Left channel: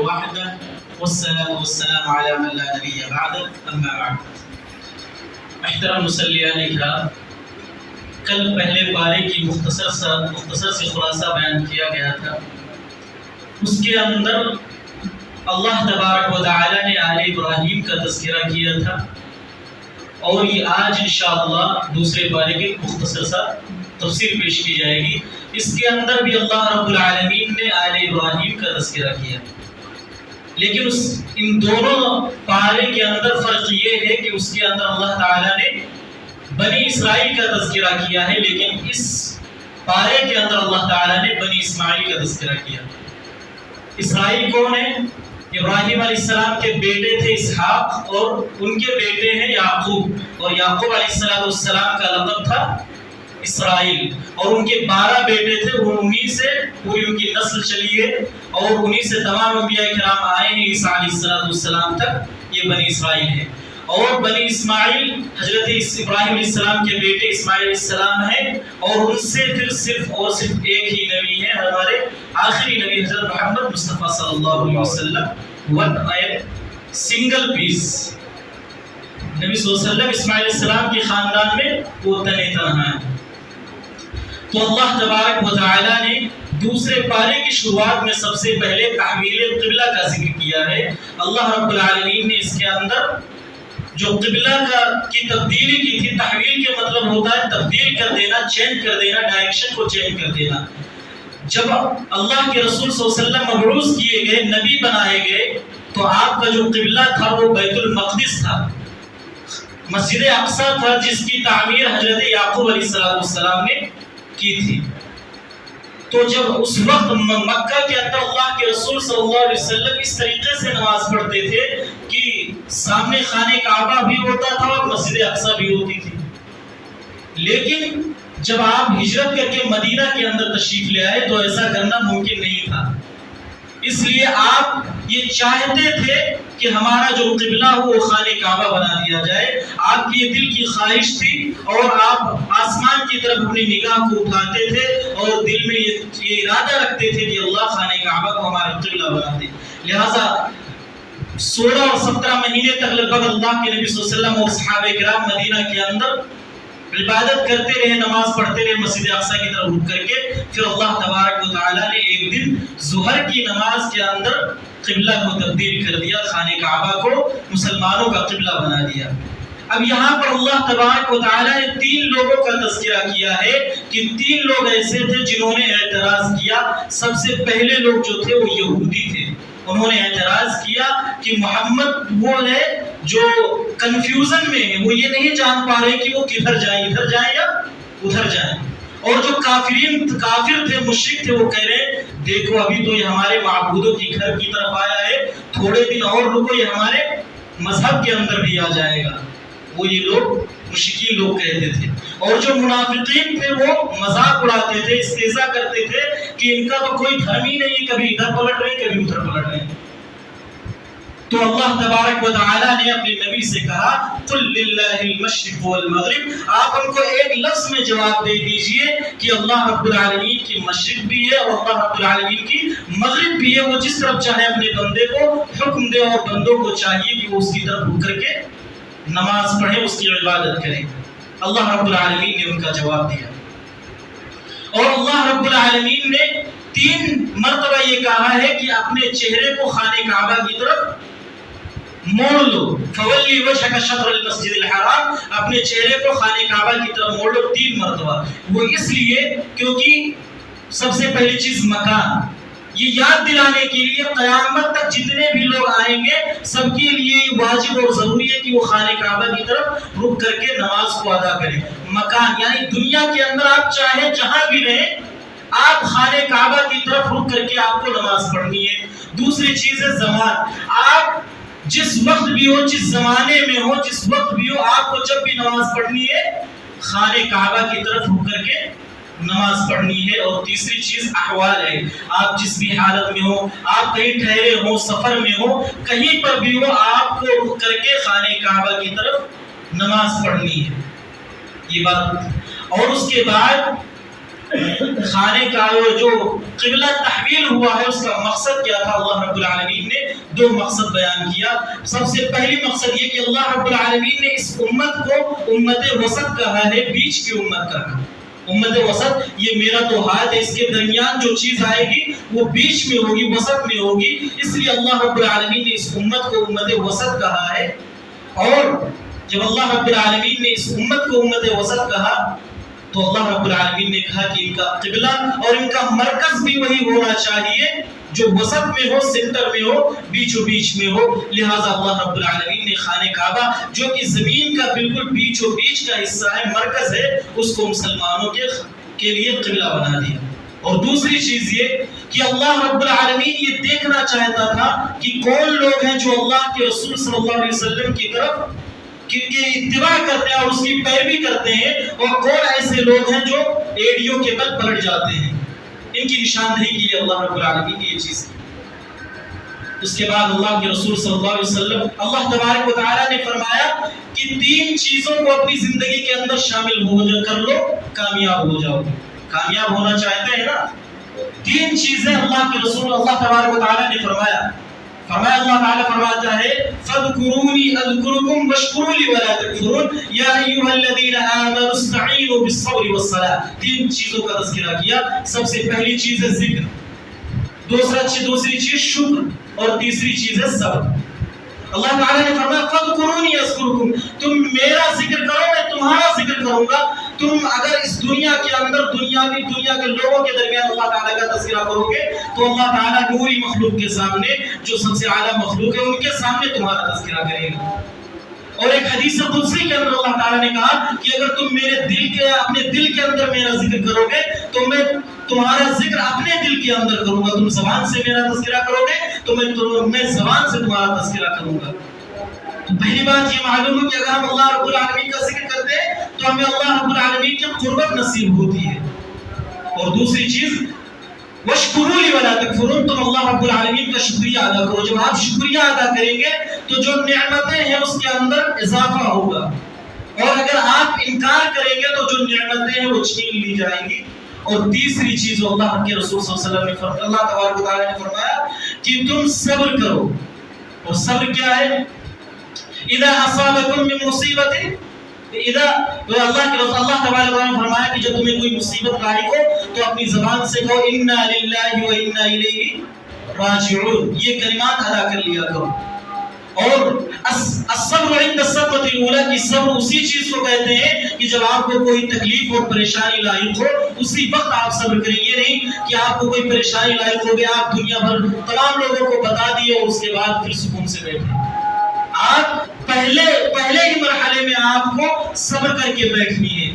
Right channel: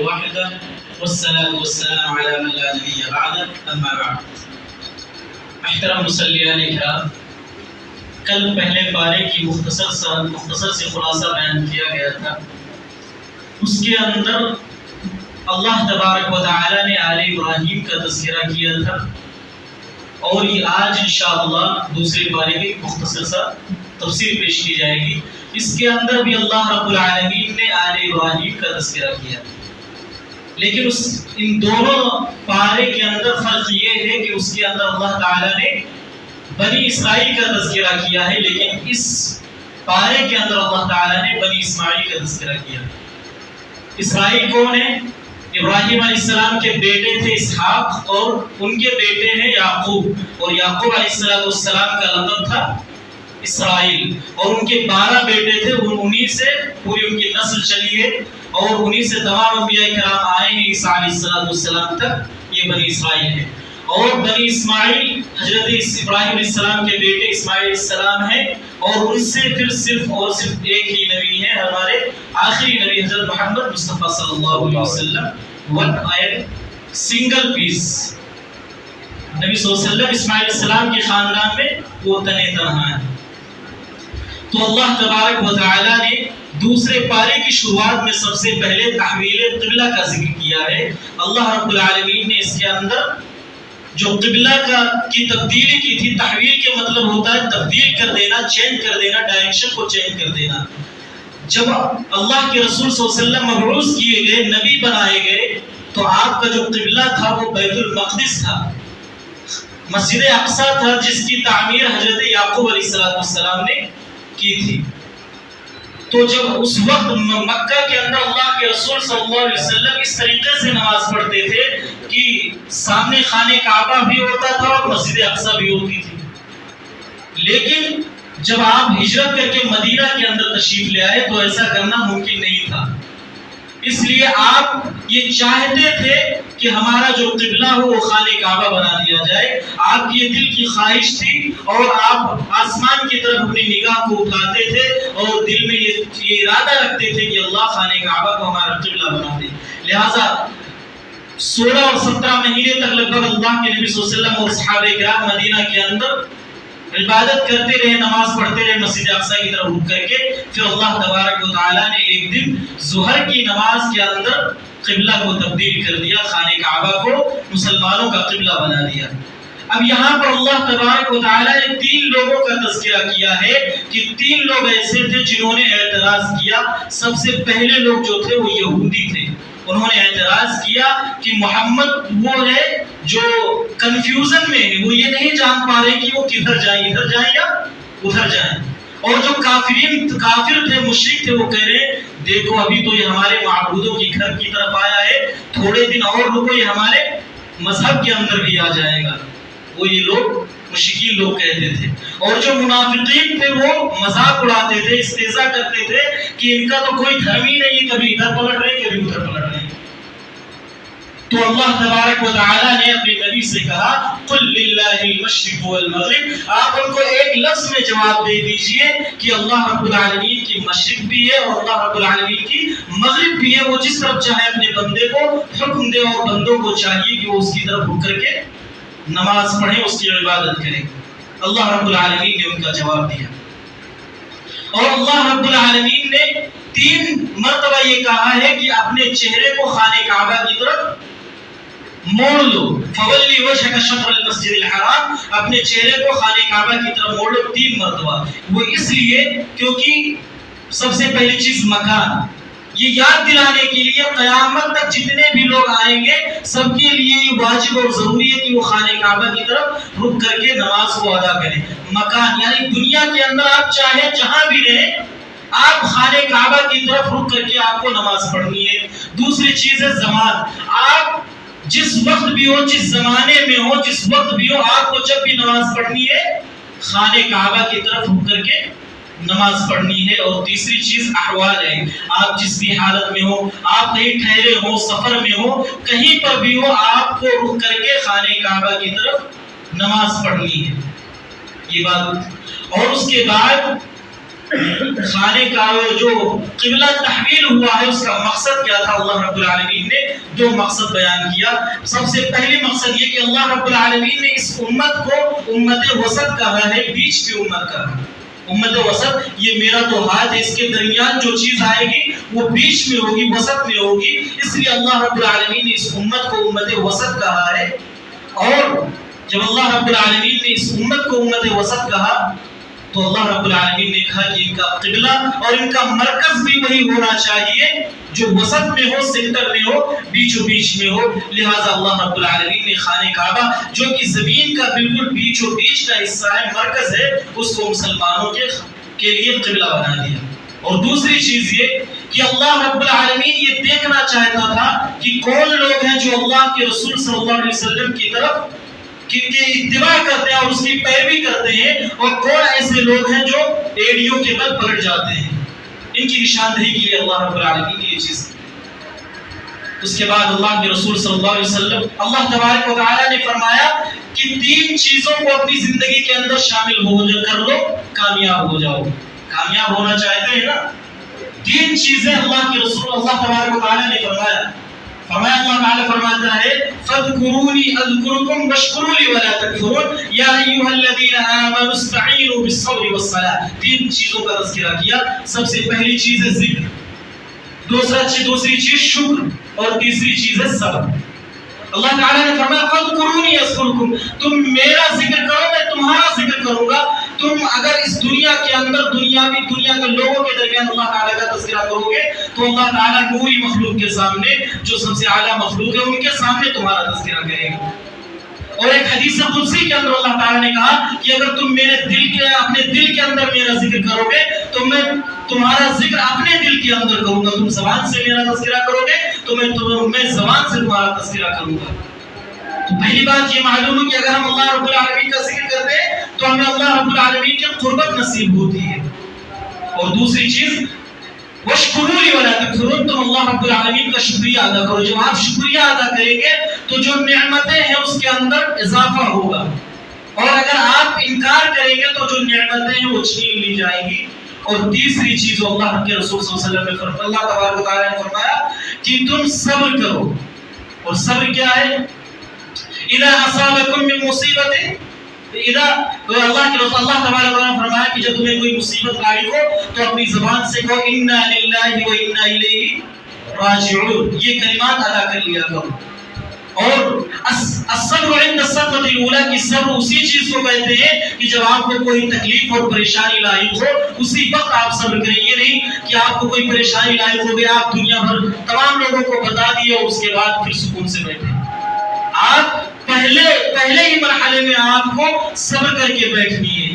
وحده والصلاة والسلام على من لا نبي بعده اما بعد. محترم مصلیان اکرام، کل پہلے پارے کی مختصر سے خلاصہ بیان کیا گیا تھا. اس کے اندر اللہ تبارک و تعالی نے آل ابراہیم کا تذکرہ کیا تھا، اور یہ آج انشاءاللہ دوسرے پارے کی مختصر سا تفسیر پیش کی جائے گی. اس کے اندر بھی اللہ رب العالمین نے آل ابراہیم کا تذکرہ کیا، لیکن ان دونوں پارے کے اندر فرق یہ ہے کہ اس کے اندر اللہ تعالیٰ نے بنی اسرائیل کا تذکرہ کیا ہے، لیکن اس پارے کے اندر اللہ تعالیٰ نے بنی اسماعیل کا تذکرہ کیا. اسرائیل کون ہے؟ ابراہیم علیہ السلام کے بیٹے تھے اسحاق، اور ان کے بیٹے ہیں یعقوب، اور یعقوب علیہ السلام کا لقب تھا اسرائیل، اور ان کے 12 بیٹے تھے. انہی سے پوری ان کی نسل چلی ہے، اور انہی سے تمام انبیاء کرام آئے ہیں عیسیٰ علیہ السلام تک. یہ بنی اسرائیل ہے. اور بنی اسماعیل حضرت ابراہیم علیہ السلام کے بیٹے اسماعیل علیہ السلام ہیں، اور ان سے پھر صرف ایک ہی نبی ہے، ہمارے آخری نبی حضرت محمد مصطفیٰ صلی اللہ علیہ وسلم. ون سنگل پیس نبی صلی اللہ علیہ وسلم اسماعیل علیہ السلام کے خاندان میں وہ تنہا ہیں. تو اللہ تبارک و تعالی نے دوسرے پارے کی شروعات میں سب سے پہلے تحویل قبلہ کا ذکر کیا ہے. اللہ رب العالمین نے اس کے اندر جو قبلہ کی تبدیلی کی تھی، تحویل کے مطلب ہوتا ہے تبدیل کر دینا، چینج کر دینا، ڈائریکشن کو چینج کر دینا. جب اللہ کے رسول صلی اللہ علیہ وسلم مبعوث کیے گئے، نبی بنائے گئے، تو آپ کا جو قبلہ تھا وہ بیت المقدس تھا، مسجد اقصی تھا، جس کی تعمیر حضرت یعقوب علیہ السلام نے کی تھی. تو جب اس وقت مکہ کے اندر اللہ کے رسول صلی اللہ علیہ وسلم اس طریقے سے نماز پڑھتے تھے کہ سامنے خانہ کعبہ بھی ہوتا تھا اور مسجد اقصی بھی ہوتی تھی. لیکن جب آپ ہجرت کر کے مدینہ کے اندر تشریف لے آئے تو ایسا کرنا ممکن نہیں تھا. اس لیے آپ یہ چاہتے تھے کہ ہمارا جو قبلہ ہو وہ خانہ کعبہ بنا دیا جائے. آپ کی یہ دل کی خواہش تھی، اور آپ آسمان کی طرف اپنی نگاہ کو اٹھاتے تھے اور دل میں یہ ارادہ رکھتے تھے کہ اللہ خانہ کعبہ کو ہمارا قبلہ بنا دے. لہٰذا 16 اور 17 مہینے تک لگ بھگ اللہ کے نبی صلی اللہ علیہ وسلم اور صحابہ کرام مدینہ کے اندر عبادت کرتے رہے، نماز پڑھتے رہے مسجد اقصی کی طرف رک کر کے. پھر اللہ تبارک و تعالی نے ایک دن ظہر کی نماز کے اندر قبلہ کو تبدیل کر دیا، خانہ کعبہ کو مسلمانوں کا قبلہ بنا دیا. اب یہاں پر اللہ تبارک و تعالی نے 3 لوگوں کا تذکرہ کیا ہے کہ 3 لوگ ایسے تھے جنہوں نے اعتراض کیا. سب سے پہلے لوگ جو تھے وہ یہودی تھے. انہوں نے اعتراض کیا کہ محمد وہ ہے جو کنفیوژن میں ہے، وہ یہ نہیں جان پا رہے کہ وہ کدھر جائیں، ادھر جائیں یا ادھر جائیں. اور جو کافر تھے، مشرک تھے، وہ کہہ رہے دیکھو ابھی تو یہ ہمارے معبودوں کی گھر کی طرف آیا ہے، تھوڑے دن اور رکو یہ ہمارے مذہب کے اندر بھی آ جائے گا. وہ یہ لوگ مشرکین لوگ کہتے تھے. اور جو منافقین تھے وہ مذاق اڑاتے تھے، استہزاء کرتے تھے کہ ان کا تو کوئی دھرم ہی نہیں، کبھی ادھر پلٹ رہے کبھی ادھر پلٹ رہے. تو اللہ تبارک و تعالی نے اپنے نبی سے کہا قل للہ المشرق والمغرب. آپ ان کو ایک لفظ میں جواب دے دیجئے کہ اللہ رب العالمین کی مشرق بھی ہے اور اللہ رب العالمین کی مغرب بھی ہے. وہ جس طرف چاہے اپنے بندے کو حکم دے، اور بندوں کو چاہیے کہ وہ اس کی طرف رک کر کے نماز پڑھیں، اس کی عبادت کریں. اللہ رب العالمین نے ان کا جواب دیا. اور اللہ رب العالمین نے 3 مرتبہ یہ کہا ہے کہ اپنے چہرے کو خانہ کعبہ کی طرف موڑ لو. فولی وجهک شطر المسجد الحرام، اپنے چہرے کو خانہ کعبہ کی طرف موڑ لو 3 مرتبہ. وہ اس لیے کیونکہ سب سے پہلی چیز مکان، یہ یاد دلانے کے لیے قیامت تک جتنے بھی لوگ آئیں گے سب کے لیے یہ واجب اور ضروری ہے کہ وہ خانہ کعبہ کی طرف رک کر کے نماز کو ادا کریں. مکان یعنی دنیا کے اندر آپ چاہے جہاں بھی رہیں، آپ خانہ کعبہ کی طرف رک کر کے آپ کو نماز پڑھنی ہے. دوسری چیز ہے زمان، آپ جس وقت بھی ہو، جس زمانے میں ہو، جس وقت بھی ہو، آپ کو جب بھی نماز پڑھنی ہے خانہ کعبہ کی طرف رک کر کے نماز پڑھنی ہے. اور تیسری چیز احوال ہے، آپ جس بھی حالت میں ہو، آپ کہیں ٹھہرے ہو، سفر میں ہو، کہیں پر بھی ہو، آپ کو رک کر کے خانہ کعبہ کی طرف نماز پڑھنی ہے. یہ بات. اور اس کے بعد خانے کا جو قبلہ تحویل ہوا ہے اس کا مقصد کیا تھا؟ اللہ رب العالمین نے دو مقصد بیان کیا۔ سب سے پہلی مقصد یہ کہ اللہ رب العالمین نے اس امت کو امت وسط کہا ہے، بیچ کی امت کہا ہے۔ امت وسط، یہ میرا تو ہاتھ ہے، اس کے درمیان جو چیز آئے گی وہ بیچ میں ہوگی، وسط میں ہوگی، اس لیے اللہ رب العالمین نے اس امت کو امت وسط کہا ہے۔ اور جب اللہ رب العالمین نے اس امت کو امت وسط کہا تو اللہ رب العالمین نے کہا کہ ان کا قبلہ اور ان کا مرکز بھی وہی ہونا چاہیے جو وسط میں ہو، سینٹر میں ہو، بیچو بیچ میں ہو۔ لہٰذا اللہ رب العالمین نے خانہ کعبہ جو کہ زمین کا بالکل بیچو بیچ کا حصہ ہے، مرکز ہے، اس کو مسلمانوں کے لیے قبلہ بنا دیا۔ اور دوسری چیز یہ کہ اللہ رب العالمین یہ دیکھنا چاہتا تھا کہ کون لوگ ہیں جو اللہ کے رسول صلی اللہ علیہ وسلم کی طرف کن کی اتباع کرتے ہیں اور اس کی پیروی کرتے ہیں، اور کون ایسے لوگ ہیں جو ایڑیوں کے بل پلٹ جاتے ہیں۔ ان کی نشاندہی کے لیے اللہ رب العالمین نے یہ چیز کی۔ اس کے بعد اللہ کے رسول صلی اللہ علیہ وسلم، اللہ تبارک و تعالیٰ نے فرمایا کہ 3 چیزوں کو اپنی زندگی کے اندر شامل کر لو، کامیاب ہو جاؤ۔ کامیاب ہونا چاہتے ہیں نا، 3 چیزیں اللہ کے رسول اللہ تبارک و تعالیٰ نے فرمایا۔ اللہ تعالیٰ فرماتا ہے فَاذْكُرُونِي أَذْكُرُكُمْ وَاشْكُرُوا لِي وَلَا تَكْفُرُونَ يَا أَيُّهَا الَّذِينَ آمَنُوا اسْتَعِينُوا بِالصَّبْرِ وَالصَّلَاةِ۔ 3 چیزوں کا تذکرہ کیا۔ سب سے پہلی چیز ہے ذکر، دوسری چیز شکر، اور تیسری چیز ہے صبر۔ اللہ تعالیٰ نے فرمایا فَاذْكُرُونِي أَذْكُرُكُمْ، تم میرا ذکر کرو میں تمہارا ذکر کروں گا۔ تم اگر اس دنیا کے اندر دنیا کے لوگوں کے درمیان اللہ تعالیٰ کا تذکرہ کرو گے تو اللہ تعالیٰ نوری مخلوق کے سامنے، جو سب سے اعلیٰ مخلوق ہے، ان کے سامنے تمہارا تذکرہ کرے گا۔ اور ایک حدیث قدسی کے اندر اللہ تعالیٰ نے کہا کہ اگر تم اپنے دل کے اندر میرا ذکر کرو گے تو میں تمہارا ذکر اپنے دل کے اندر کروں گا۔ تم زبان سے میرا تذکرہ کرو گے تو میں زبان سے تمہارا تذکرہ کروں گا۔ تو پہلی بات یہ معلوم ہے کہ اگر ہم اللہ رب العالمین کا ذکر کرتے ہیں تو ہمیں اللہ رب العالمین کی قربت نصیب ہوتی ہے۔ اور دوسری چیز وَاشْكُرُوا لِي وَلَا تَكْفُرُونَ، تم اللہ رب العالمین کا شکریہ ادا کرو۔ جب آپ شکریہ ادا کریں گے تو جو نعمتیں ہیں اس کے اندر اضافہ ہوگا، اور اگر آپ انکار کریں گے تو جو نعمتیں ہیں وہ چھین لی جائیں گی۔ اور تیسری چیز اللہ کے رسول صلی اللہ علیہ وسلم نے فرمایا، اللہ تبارک و تعالیٰ نے فرمایا کہ تم صبر کرو۔ اور صبر کیا ہے؟ اذا اصابکم من مصیبت، اللہ تبارک و تعالیٰ نے فرمایا کہ جب تمہیں کوئی مصیبت لاحق ہو تو اپنی زبان سے کہو انا للہ و انا الیہ راجعون، یہ کلمات ادا کر لیا کرو۔ اور الصبر عند الصدمۃ الاولى، کی صبر اسی چیز کو کہتے ہیں کہ جب آپ کو کوئی تکلیف اور پریشانی لاحق ہو اسی وقت آپ صبر کریں۔ یہ نہیں کہ آپ کو کوئی پریشانی لاحق ہو گیا، آپ دنیا بھر تمام لوگوں کو بتا دیے اور اس کے بعد پھر سکون سے بیٹھے۔ آپ پہلے ہی مرحلے میں آپ کو صبر کر کے بیٹھنی ہے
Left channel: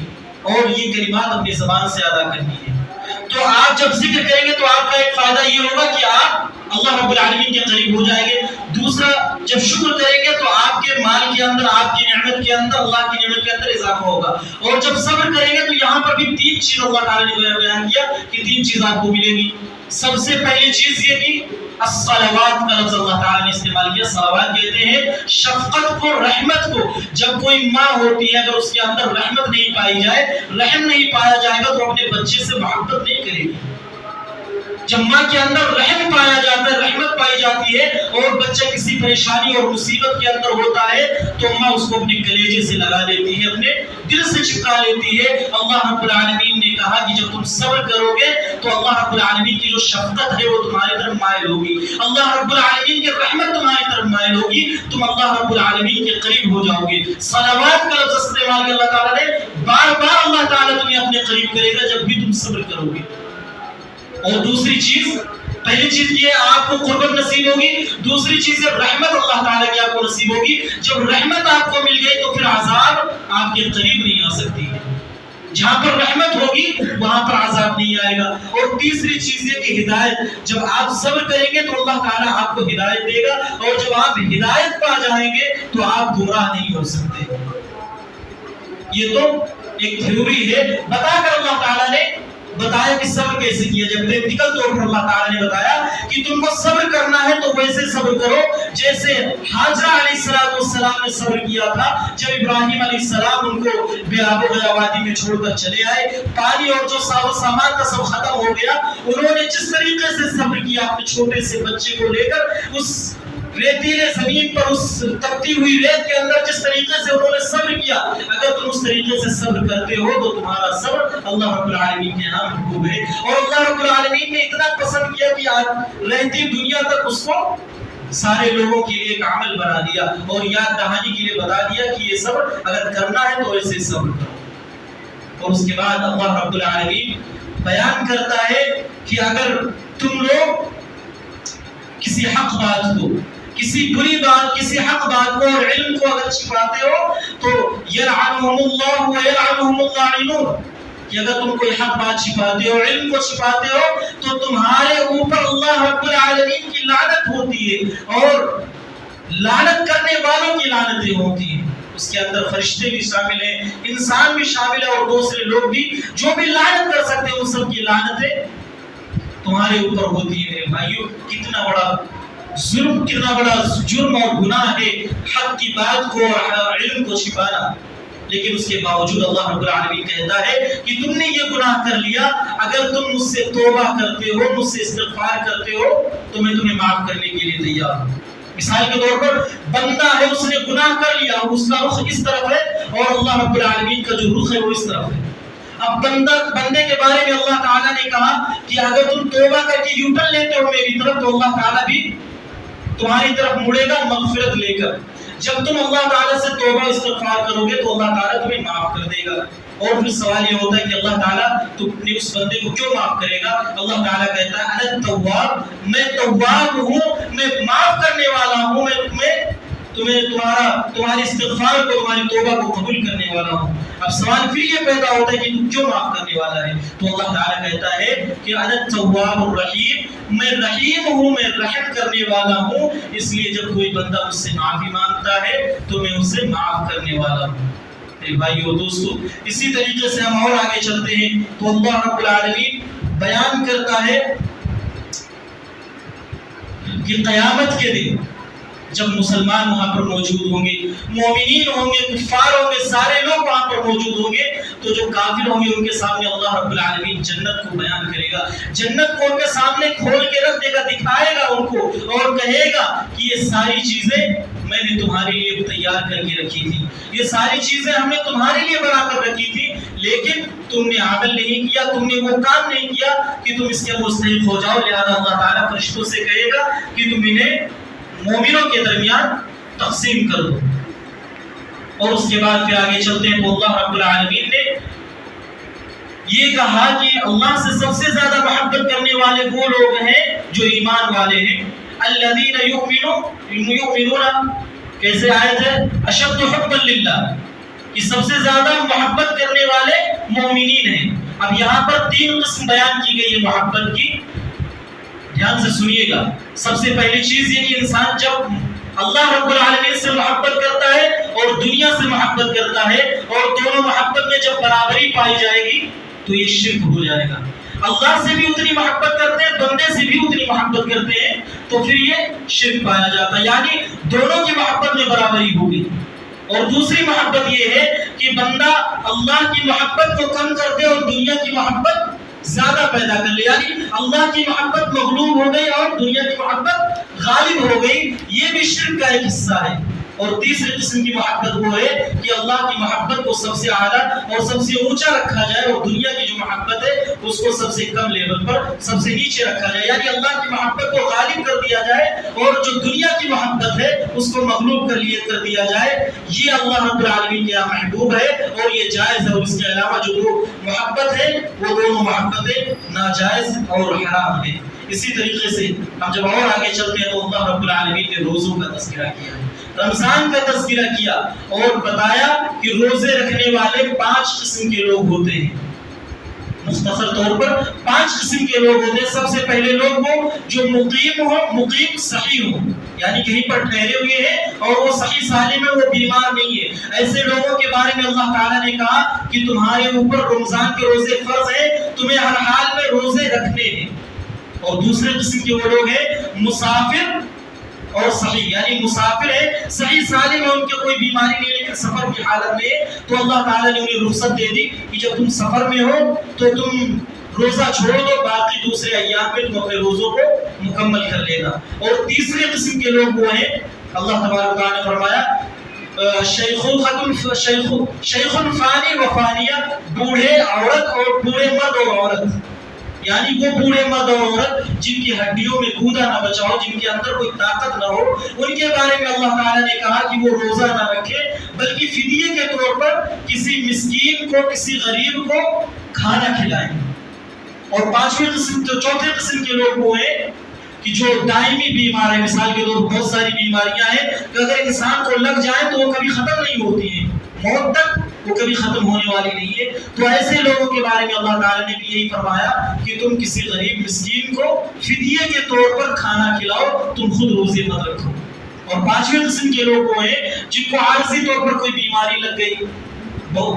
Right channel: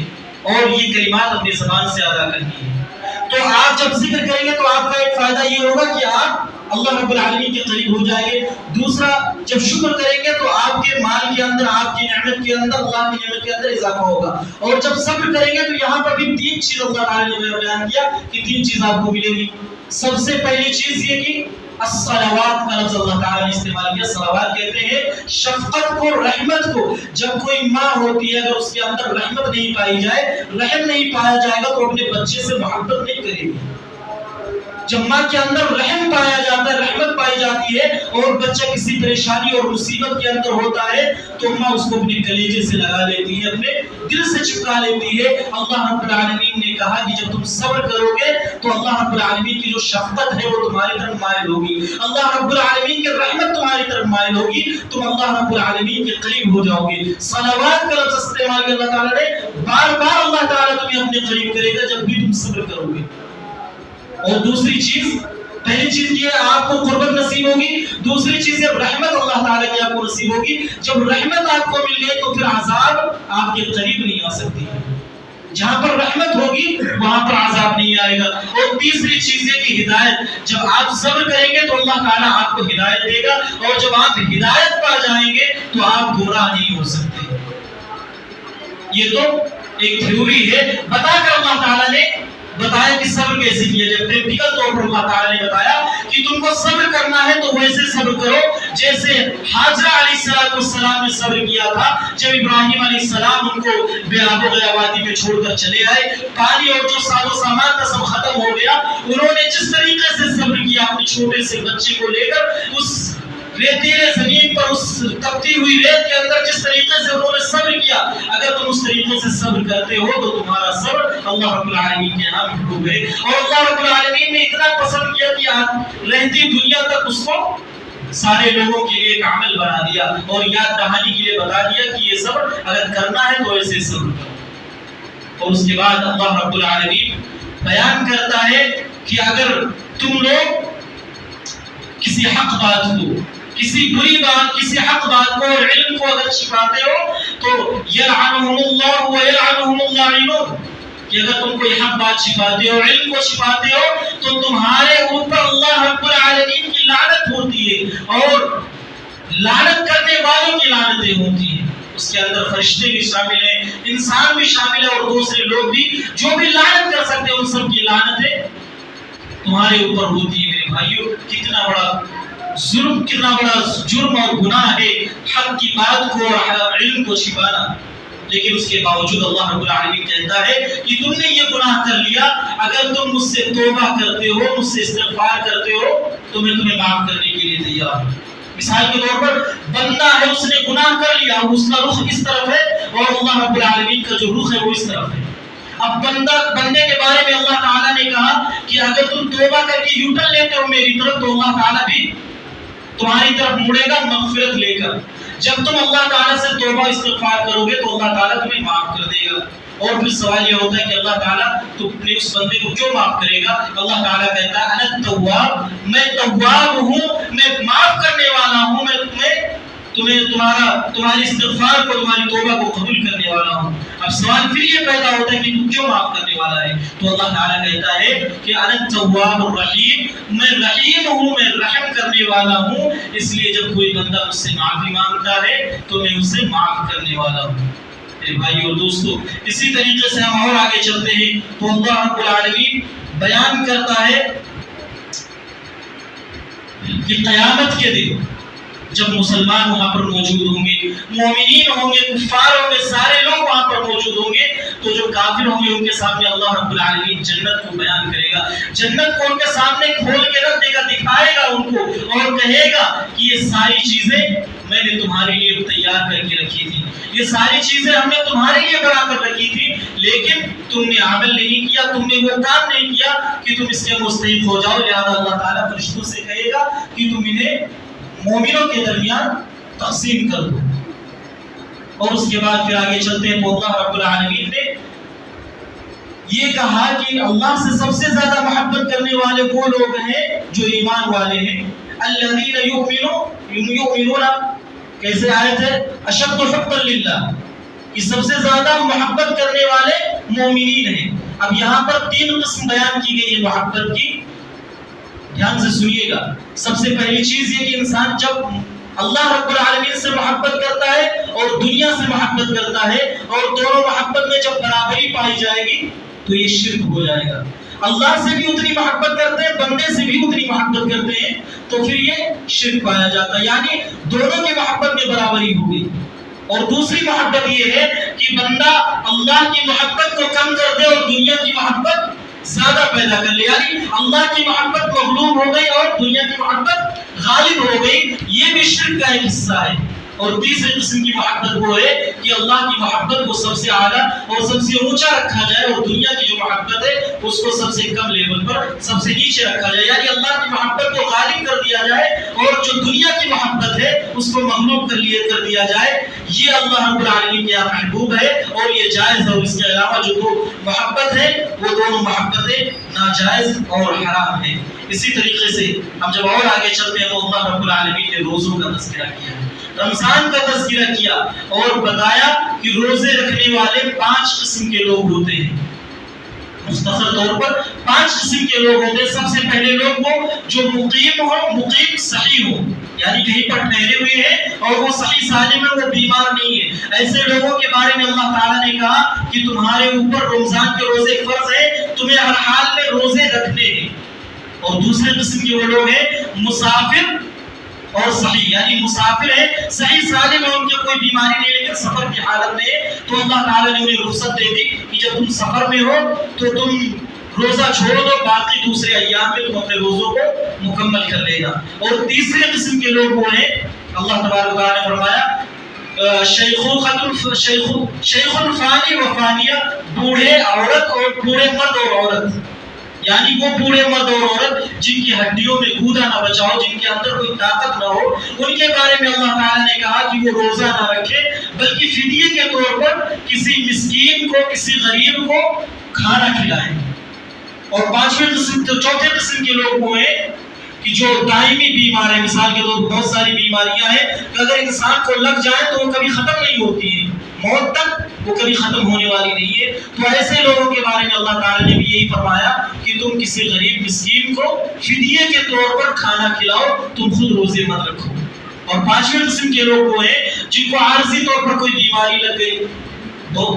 اور یہ کلمات اپنی زبان سے ادا کرنی ہے۔ تو آپ جب ذکر کریں گے تو آپ کا ایک فائدہ یہ ہوگا کہ آپ اللہ رب العالمین کے قریب ہو جائیں گے۔ دوسرا، جب شکر کریں گے تو آپ کے مال کے اندر، آپ کی نعمت کے اندر، اللہ کی نعمت کے اندر اضافہ ہوگا۔ اور جب صبر کریں گے تو یہاں پر بھی 3 چیز اللہ تعالیٰ نے بیان کیا کہ 3 چیز آپ کو ملے گی۔ سب سے پہلی چیز یہ کہ الصلوات کا لفظ اللہ تعالیٰ نے استعمال کیا۔ صلوات کہتے ہیں شفقت کو، رحمت کو۔ جب کوئی ماں ہوتی ہے اگر اس کے اندر رحمت نہیں پائی جائے، رحم نہیں پایا جائے گا تو اپنے بچے سے محبت نہیں کرے گی۔ جب ماں کے اندر رحم پایا جاتا ہے، رحمت پائی جاتی ہے اور بچہ کسی پریشانی اور مصیبت کے اندر ہوتا ہے تو ماں اس کو اپنے کلیجے سے لگا لیتی ہے، اپنے دل سے چپکا لیتی ہے۔ اللہ رب العالمین نے کہا کہ جب تم صبر کرو گے تو اللہ رب العالمین کی جو شفقت ہے وہ تمہاری طرف مائل ہوگی، اللہ رب العالمین کی رحمت تمہاری طرف مائل ہوگی، تم اللہ رب العالمین کے قریب ہو جاؤ گے۔ صلوات کا لفظ استعمال کیا اللہ تعالیٰ نے، بار بار اللہ تعالیٰ تمہیں اپنے قریب کرے گا جب بھی تم صبر کرو گے۔ اور دوسری چیز، پہلی چیز یہ آپ کو قربت نصیب ہوگی، دوسری چیز ہے رحمت اللہ تعالیٰ کی آپ کو نصیب ہوگی۔ جب رحمت آپ کو مل گئی تو پھر عذاب آپ کے قریب نہیں آ سکتی ہے۔ جہاں پر رحمت ہوگی وہاں پر عذاب نہیں آئے گا۔ اور تیسری چیز یہ کہ ہدایت، جب آپ صبر کریں گے تو اللہ تعالیٰ آپ کو ہدایت دے گا، اور جب آپ ہدایت پا جائیں گے تو آپ گمراہ نہیں ہو سکتے۔ یہ تو ایک تھیوری ہے، بتا کر اللہ تعالیٰ نے بتایا کہ صبر کیسے کیا جائے۔ پریکٹیکل طور پر اللہ تعالیٰ نے بتایا کہ تم کو صبر کرنا ہے تو ویسے صبر کرو جیسے حاجرہ علیہ السلام السلام نے صبر کیا تھا جب ابراہیم علیہ السلام ان کو بے آب و گیا وادی میں چھوڑ کر چلے آئے، پانی اور جو ساز و سامان تھا سب ختم ہو گیا، انہوں نے جس طریقے سے صبر کیا اپنے چھوٹے سے بچے کو لے کر اس ریتیلے زمین پر، اس تپتی ہوئی ریت کے اندر جس طریقے سے انہوں نے صبر کیا، اگر تم اس طریقے سے صبر کرتے ہو تو تمہارا صبر اللہ رب العالمین کے یہاں محبوب ہے۔ اور اللہ رب العالمین نے اتنا پسند کیا کہ رہتی دنیا تک اس کو سارے لوگوں کے لیے ایک عمل بنا دیا اور یاد دہانی کے لیے بتا دیا کہ یہ صبر اگر کرنا ہے تو ایسے صبر کرو۔ اور اس کے بعد اللہ رب العالمین بیان کرتا ہے کہ اگر تم لوگ کسی حق بات کو، کسی بری بات، کسی حق بات کو اور علم کو اگر چھپاتے ہو تو یلعنہم اللہ ویلعنہم اللاعنون، کہ اگر تم کوئی حق بات چھپاتے ہو، علم کو چھپاتے ہو تو تمہارے اوپر اللہ رب العالمین کی لعنت ہوتی ہے اور لعنت کرنے والوں کی لعنتیں ہوتی ہیں۔ اس کے اندر فرشتے بھی شامل ہیں، انسان بھی شامل ہے اور دوسرے لوگ بھی جو بھی لعنت کر سکتے ہیں، ان سب کی لعنتیں تمہارے اوپر ہوتی ہے۔ میرے بھائیو، کتنا بڑا ظلم، کتنا بڑا جرم اور گناہ ہے حق کی بات کو اور علم کو چھپانا، لیکن اس کے باوجود اللہ رب العالمین کہتا ہے کہ تم نے یہ گناہ کر لیا، اگر تم مجھ سے توبہ کرتے ہو، مجھ سے استغفار کرتے ہو تو میں تمہیں معاف کرنے کے لیے تیار ہوں۔ مثال کے طور پر بندہ ہے، اس نے گناہ کر لیا، اس کا رخ اس طرف ہے اور اللہ رب العالمین کا جو رخ ہے وہ اس طرف ہے۔ اب بندے کے بارے میں اللہ تعالیٰ نے کہا کہ اگر تم توبہ کر کے یوٹن لیتے ہو میری طرف تو اللہ تعالیٰ بھی تمہاری طرف مڑے گا مغفرت لے کر۔ جب تم اللہ تعالیٰ سے توبہ استغفار کرو گے تو اللہ تعالیٰ تمہیں معاف کر دے گا۔ اور پھر سوال یہ ہوتا ہے کہ اللہ تعالیٰ تو اپنے اس بندے کو کیوں معاف کرے گا؟ اللہ تعالیٰ کہتا ہے انا التواب، میں تواب ہوں، میں معاف کرنے والا ہوں، میں تمہاری استغفار کو، تمہاری توبہ کو قبول کرنے والا ہوں۔ اب سوال پھر یہ پیدا ہوتا ہے کہ تو کیوں معاف کرنے والا ہے؟ تو اللہ تعالیٰ کہتا ہے کہ انا التواب الرحیم، میں رحیم ہوں، میں رحم کرنے والا ہوں، اس لیے جب کوئی بندہ مجھ سے معافی مانگتا ہے تو میں اسے معاف کرنے والا ہوں۔ میرے بھائی اور دوستو، اسی طریقے سے ہم اور آگے چلتے ہیں تو اللہ رب العالمین بیان کرتا ہے کہ قیامت کے دن جب مسلمان وہاں پر موجود ہوں گے، مومنین ہوں گے، کفار ہوں گے، سارے لوگ وہاں پر موجود ہوں گے، تو جو کافر ہوں گے ان کے سامنے اللہ رب العالمین جنت کو بیان کرے گا، جنت کو ان کے سامنے کھول کے رکھ دے گا، دکھائے گا ان کو اور کہے گا کہ یہ ساری چیزیں میں نے تمہارے لیے تیار کر کے رکھی تھی، یہ ساری چیزیں ہم نے تمہارے لیے بنا کر رکھی تھی، لیکن تم نے عمل نہیں کیا، تم نے وہ کام نہیں کیا کہ تم اس کے مستحق ہو جاؤ، لہذا اللہ تعالیٰ فرشتوں سے کہے گا کہ تم انہیں مومنوں کے درمیان تقسیم کر دو۔ اور اس کے بعد پھر آگے چلتے ہیں تو اللہ رب العالمین نے یہ کہا کہ اللہ سے سب سے زیادہ محبت کرنے والے وہ لوگ ہیں جو ایمان والے ہیں، الذین یؤمنون، کیسے آیت ہے؟ اشد حبا للہ، کہ سب سے زیادہ محبت کرنے والے مومنین ہیں۔ اب یہاں پر تین قسم بیان کی گئی ہے محبت کی، دھیان سے سنیے گا۔ سب سے پہلی چیز یہ کہ انسان جب اللہ رب العالمین سے محبت کرتا ہے اور دنیا سے محبت کرتا ہے اور دونوں محبت میں جب برابری پائی جائے گی تو یہ شرک ہو جائے گا۔ اللہ سے بھی اتنی محبت کرتے ہیں، بندے سے بھی اتنی محبت کرتے ہیں تو پھر یہ شرک پایا جاتا ہے، یعنی دونوں کی محبت میں برابری ہوگی۔ اور دوسری محبت یہ ہے کہ بندہ اللہ کی محبت کو کم کر دے اور دنیا کی محبت زیادہ پیدا کر لے، یعنی اللہ کی محبت مغلوب ہو گئی اور دنیا کی محبت غالب ہو گئی، یہ بھی شرک کا ایک حصہ ہے۔ اور تیسری قسم کی محبت وہ ہے کہ اللہ کی محبت کو سب سے اعلیٰ اور سب سے اونچا رکھا جائے اور دنیا کی جو محبت ہے اس کو سب سے کم لیول پر، سب سے نیچے رکھا جائے، یعنی اللہ کی محبت کو غالب کر دیا جائے اور جو دنیا کی محبت ہے اس کو مغلوب کر دیا جائے۔ یہ اللہ رب العالمین کے یہاں محبوب ہے اور یہ جائز ہے، اور اس کے علاوہ جو دو محبت ہے وہ دونوں محبتیں ناجائز اور حرام ہیں۔ اسی طریقے سے ہم جب اور آگے چلتے ہیں تو اللہ رب العالمین نے روزوں کا تذکرہ کیا، رمضان کا تذکرہ کیا اور بتایا کہ روزے رکھنے والے 5 قسم کے لوگ ہوتے ہیں، مختصر طور پر 5 قسم کے لوگ ہوتے ہیں۔ سب سے پہلے لوگ وہ جو مقیم ہوں، مقیم صحیح ہوں، یعنی کہیں پر ٹھہرے ہوئے ہیں اور وہ صحیح سالم ہے، وہ بیمار نہیں ہے، ایسے لوگوں کے بارے میں اللہ تعالیٰ نے کہا کہ تمہارے اوپر رمضان کے روزے فرض ہیں، تمہیں ہر حال میں روزے رکھنے ہیں۔ اور دوسرے قسم کے وہ لوگ ہیں مسافر اور صحیح یعنی مسافر ہے، صحیح سالم ہے، ان کے کوئی بیماری نہیں لیکن سفر کی حالت میں ہے، تو اللہ تعالیٰ نے انہیں رخصت دے دی کہ جب تم سفر میں ہو تو تم روزہ چھوڑ دو، باقی دوسرے ایام میں تم اپنے روزوں کو مکمل کر لینا۔ اور تیسرے قسم کے لوگ وہ ہیں، اللہ تبارک و تعالیٰ نے فرمایا شیخ فانی و فانیہ، بوڑھے عورت اور بوڑھے مرد اور عورت، یعنی وہ بوڑھے مرد اور عورت جن کی ہڈیوں میں گودا نہ بچا ہو، جن کے اندر کوئی طاقت نہ ہو، ان کے بارے میں اللہ تعالیٰ نے کہا کہ وہ روزہ نہ رکھے بلکہ فدیے کے طور پر کسی مسکین کو، کسی غریب کو کھانا کھلائیں۔ اور چوتھے قسم کے لوگ وہ ہیں کہ جو دائمی بیمار ہے، مثال کے طور پر بہت ساری بیماریاں ہیں کہ اگر انسان کو لگ جائے تو وہ کبھی ختم نہیں ہوتی ہے، موت تک وہ کبھی ختم ہونے والی نہیں ہے، تو ایسے لوگوں کے بارے میں اللہ تعالیٰ نے بھی یہی فرمایا کہ تم کسی غریب مسکین کو فدیے کے طور پر کھانا کھلاؤ، تم خود روزے مت رکھو۔ اور پانچویں قسم کے لوگ وہ ہیں جن کو عارضی طور پر کوئی بیماری لگ گئی،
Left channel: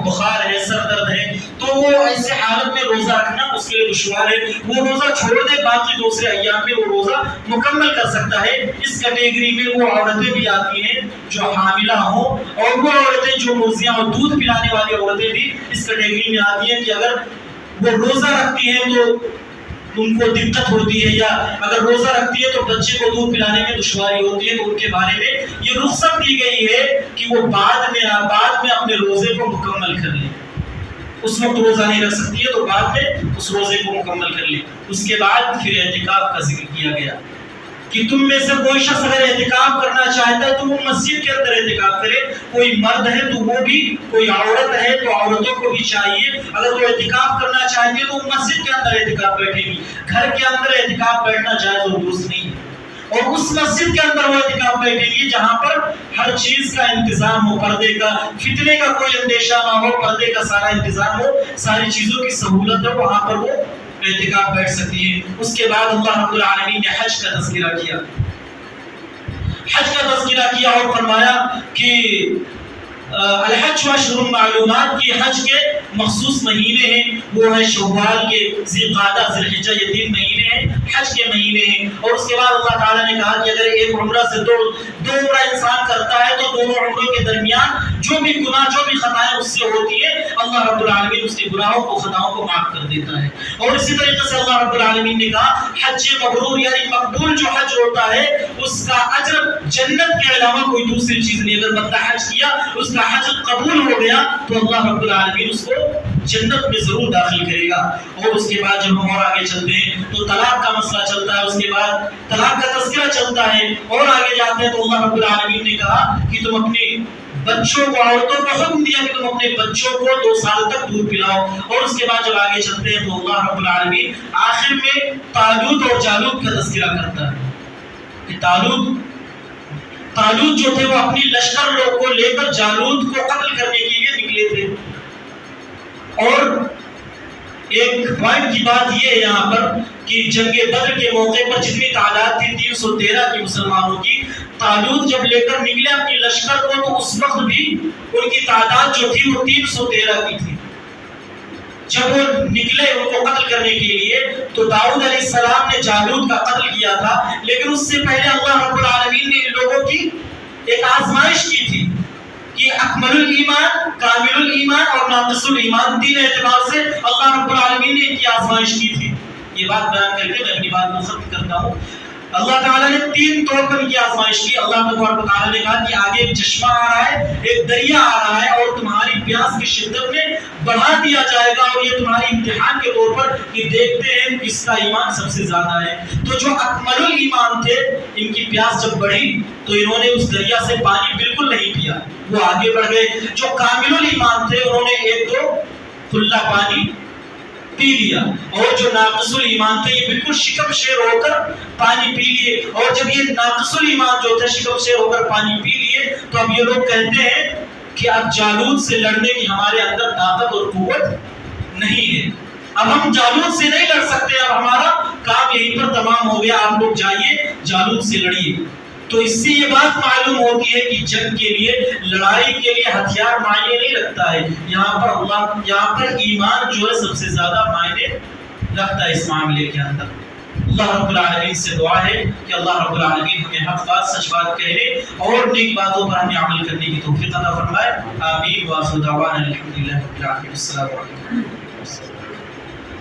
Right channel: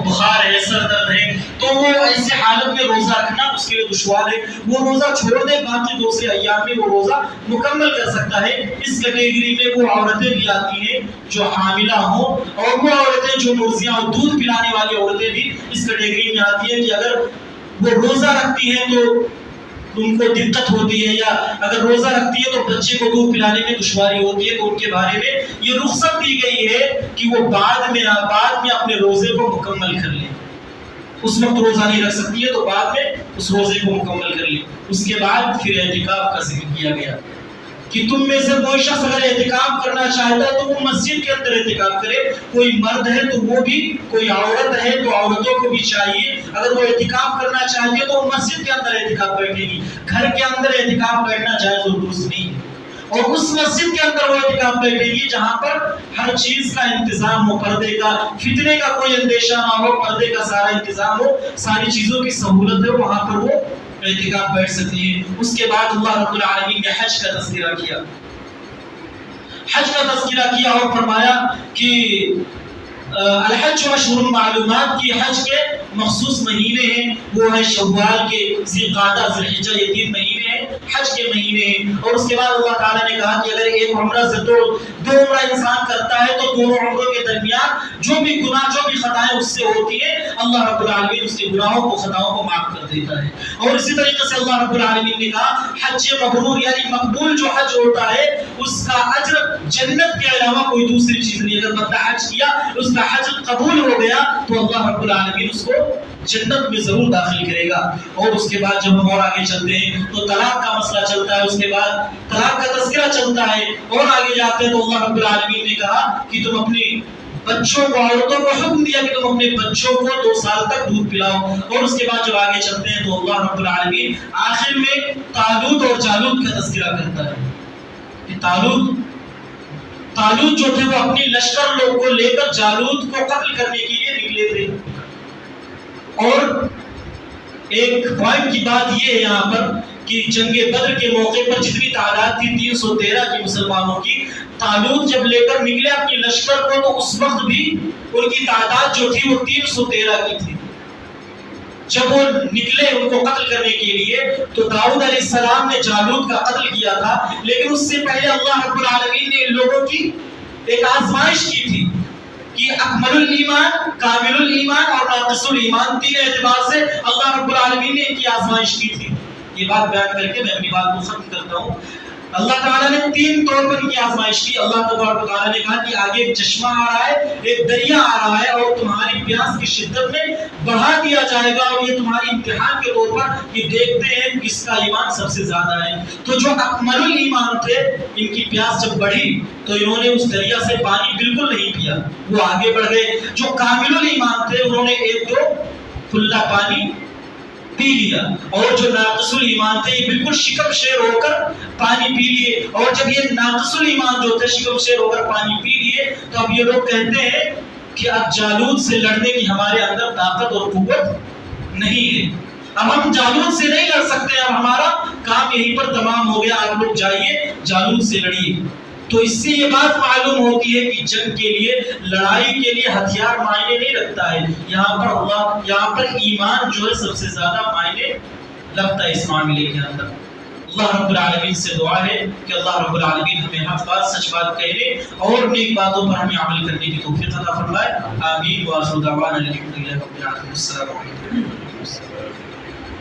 بخار ہے، سر درد ہے، تو وہ ایسے حالت میں روزہ رکھنا اس کے لیے دشوار ہے، وہ روزہ چھوڑ دے، باقی دوسرے ایام میں وہ روزہ مکمل کر سکتا ہے۔ اس کیٹیگری میں وہ عورتیں بھی آتی ہیں جو حاملہ ہوں، اور وہ عورتیں جو مرضیاں اور دودھ پلانے والی عورتیں بھی اس کیٹیگری میں آتی ہیں کہ اگر وہ روزہ رکھتی ہیں تو ان کو دقت ہوتی ہے، یا اگر روزہ رکھتی ہے تو بچے کو دودھ پلانے میں دشواری ہوتی ہے، تو ان کے بارے میں یہ رخصت دی گئی ہے کہ وہ بعد میں اپنے روزے کو مکمل کر لیں۔ اس وقت روزہ نہیں رکھ سکتی ہے تو بعد میں اس روزے کو مکمل کر لیں۔ اس کے بعد پھر اعتکاف کا ذکر کیا گیا کہ تم میں سے کوئی شخص اگر اعتکاف کرنا چاہتا ہے تو وہ مسجد کے اندر اعتکاف کرے، کوئی مرد ہے تو وہ بھی، کوئی عورت ہے تو عورتوں کو بھی چاہیے اگر وہ اعتکاف کرنا چاہتی ہے تو وہ مسجد کے اندر اعتکاف بیٹھے گی، گھر کے اندر اعتکاف بیٹھنا جائز اور درست نہیں ہے۔ اور اس مسجد کے اندر وہ اعتکاف بیٹھے گی جہاں پر ہر چیز کا انتظام ہو، پردے کا، فتنے کا کوئی اندیشہ نہ ہو، پردے کا سارا انتظام ہو، ساری چیزوں کی سہولت ہے، وہاں پر وہ اعتکاف بیٹھ سکتی ہے۔ اس کے بعد اللہ رب العالمین نے حج کا تذکرہ کیا، حج کا تذکرہ کیا اور فرمایا کہ الحج اشہر معلومات کی حج کے مخصوص مہینے ہیں، وہ ہے شوال کے، ذی القعدہ، ذی الحجہ، یہ 3 مہینے ہیں، حج کے مہینے ہیں۔ اور اس کے بعد اللہ تعالیٰ نے کہا کہ اگر ایک عمرہ سے دو عمرہ انسان کرتا ہے تو دونوں عمروں کے درمیان جو بھی گناہ، جو بھی خطائیں اس سے ہوتی ہیں، اللہ رب العالمین اس کے گناہوں کو، خطاؤں کو معاف کر دیتا ہے۔ اور اسی طریقے سے اللہ رب العالمین نے کہا حج مبرور یعنی مقبول جو حج ہوتا ہے اس کا اجر جنت کے علاوہ کوئی دوسری چیز نہیں، اگر بندہ حج کیا، اس کا حج قبول ہو گیا تو اللہ رب العالمین اس کو جنت میں ضرور داخل کرے گا۔ اور اس کے بعد جب ہم اور آگے چلتے ہیں تو طلاق کا مسئلہ چلتا ہے، اس کے بعد طلاق کا تذکرہ چلتا ہے، اور آگے جاتے ہیں تو اللہ رب العالمین نے کہا کہ تم اپنے بچوں کو، عورتوں کو حکم دیا کہ تم اپنے بچوں کو 2 سال تک دودھ پلاؤ۔ اور اس کے بعد جب آگے چلتے ہیں تو اللہ رب العالمین آخر میں طالوت اور جالوت کا تذکرہ کرتا ہے کہ طالوت جو تھے وہ اپنی لشکر لوگ کو لے کر جالوت کو قتل کرنے کے لیے نکلے تھے۔ اور ایک پوائنٹ کی بات یہ ہے یہاں پر کہ جنگ بدر کے موقع پر جتنی تعداد تھی 313 کی مسلمانوں کی، طالوت جب لے کر نکلے اپنی لشکر کو تو اس وقت بھی ان کی تعداد جو تھی وہ 313 کی تھی۔ جب وہ نکلے ان کو قتل کرنے کے لیے تو داؤد علیہ السلام نے جالوت کا قتل کیا تھا، لیکن اس سے پہلے اللہ رب العالمین نے ان لوگوں کی ایک آزمائش کی تھی کہ اکمل الایمان، کامل الایمان اور ناقص الایمان، 3 اعتبار سے اللہ رب العالمین نے ان کی آزمائش کی تھی۔ یہ بات بیان کر کے میں اپنی بات کو ختم کرتا ہوں۔ اللہ تعالیٰ نے 3 طور پر ان کی آزمائش کی۔ اللہ تبارک و تعالیٰ نے کہا کہ آگے ایک چشمہ آ رہا ہے، ایک دریا آ رہا ہے، اور تمہاری پیاس کی شدت میں بڑھا دیا جائے گا، اور یہ تمہاری امتحان کے طور پر کہ دیکھتے ہیں کس کا ایمان سب سے زیادہ ہے۔ تو جو اکمل الایمان تھے، ان کی پیاس جب بڑھی تو انہوں نے اس دریا سے پانی بالکل نہیں پیا، وہ آگے بڑھ گئے۔ جو کامل الایمان تھے انہوں نے 1-2 کھلا پانی پی لیا، اور جو ناقص الایمان تھے یہ بالکل شکم شیر ہو کر پانی پی لیے۔ اور جب یہ ناقص الایمان جو تھے شکم شیر ہو کر پانی پی لیے تو اب یہ لوگ کہتے ہیں کہ اب جالوت سے لڑنے کی ہمارے اندر طاقت اور قوت نہیں ہے، اب ہم جالوت سے نہیں لڑ سکتے، اب ہمارا کام یہیں پر تمام ہو گیا، آپ لوگ جائیے جالوت سے لڑیے۔ تو اس سے یہ بات معلوم ہوتی ہے کہ جنگ کے لیے، لڑائی کے لیے ہتھیار معنی نہیں رکھتا ہے، یہاں پر ایمان جو ہے سب سے زیادہ معنی رکھتا ہے اس معاملے کے اندر۔ اللہ رب العالمین سے دعا ہے کہ اللہ رب العالمین ہمیں حق بات سچ بات کہنے اور نیک باتوں پر ہمیں عمل کرنے کی توفیق عطا فرمائے. آمین. وآخر دعوانا الحمدللہ رب العالمین. السلام علیکم.